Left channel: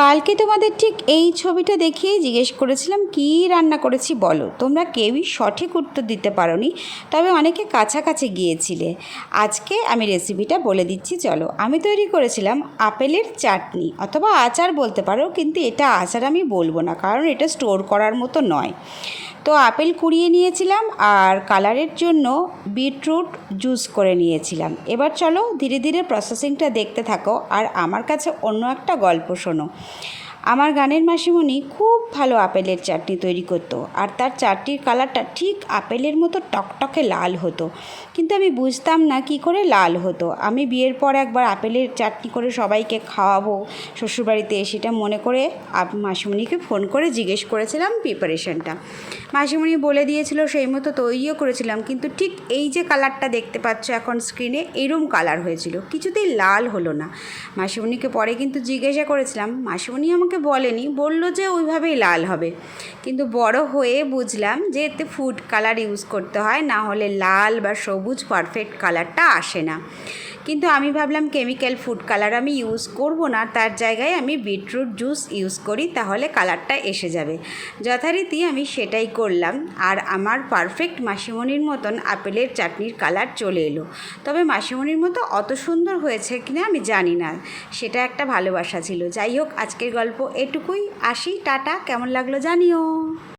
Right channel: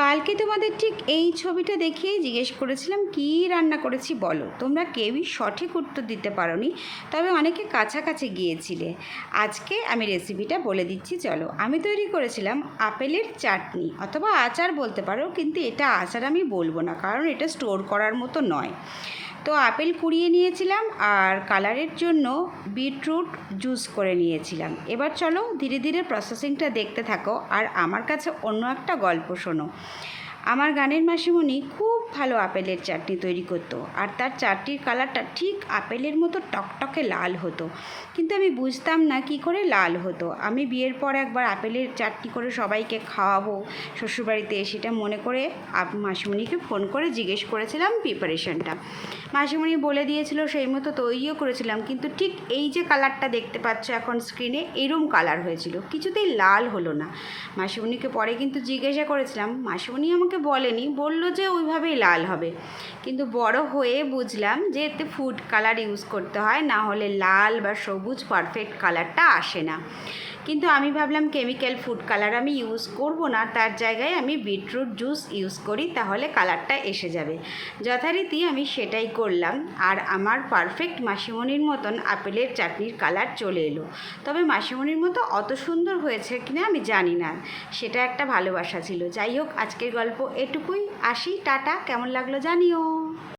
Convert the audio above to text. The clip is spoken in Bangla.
কালকে তোমাদের ঠিক এই ছবিটা দেখিয়েই জিজ্ঞেস করেছিলাম কী রান্না করেছি বলো। তোমরা কেউই সঠিক উত্তর দিতে পারোনি, তবে অনেকে কাছাকাছি গিয়েছিলে। আজকে আমি রেসিপিটা বলে দিচ্ছি, চলো। আমি তৈরি করেছিলাম আপেলের চাটনি অথবা আচার বলতে পারো, কিন্তু এটা আচার আমি বলবো না, কারণ এটা স্টোর করার মতো নয়। তো আপেল কুড়িয়ে নিয়েছিলাম আর কালারের জন্য বিটরুট জুস করে নিয়েছিলাম। এবার চলো ধীরে ধীরে প্রসেসিংটা দেখতে থাকো আর আমার কাছে অন্য একটা গল্প শোনো। আমার গানের মাসিমণি খুব ভালো আপেলের চাটনি তৈরি করতো, আর তার চাটনির কালারটা ঠিক আপেলের মতো টকটকে লাল হতো, কিন্তু আমি বুঝতাম না কি করে লাল হতো। আমি বিয়ের পর একবার আপেলের চাটনি করে সবাইকে খাওয়াবো শ্বশুরবাড়িতে, সেটা মনে করে মাসিমণিকে ফোন করে জিজ্ঞেস করেছিলাম প্রিপারেশনটা। মাসিমণি বলে দিয়েছিল, সেই মতো তৈরিও করেছিলাম, কিন্তু ঠিক এই যে কালারটা দেখতে পাচ্ছ এখন স্ক্রিনে, এইরকম কালার হয়েছিল, কিছুতেই লাল হলো না। মাসিমণিকে পরে কিন্তু জিজ্ঞাসা করেছিলাম, মাসিমণি আমাকে বলেনি, বলল যে ওইভাবেই লাল হবে, কিন্তু বড় হয়ে বুঝলাম যে এতে ফুড কালার ইউজ করতে হয়, না হলে লাল বা সবুজ পারফেক্ট কালারটা আসে না। কিন্তু আমি ভাবলাম কেমিক্যাল ফুড কালার আমি ইউজ করব না, তার জায়গায় আমি বিটরুট জুস ইউজ করি, তাহলে কালারটা এসে যাবে। যথারীতি আমি সেটাই করলাম, আর আমার পারফেক্ট মাসিমণির মতন আপেলের চাটনির কালার চলে এলো। তবে মাসিমণির মতো অত সুন্দর হয়েছে কিনা আমি জানি না, সেটা একটা ভালোবাসা ছিল। যাই হোক, আজকের গল্প এটুকুই। আসি, টাটা। কেমন লাগলো জানিও।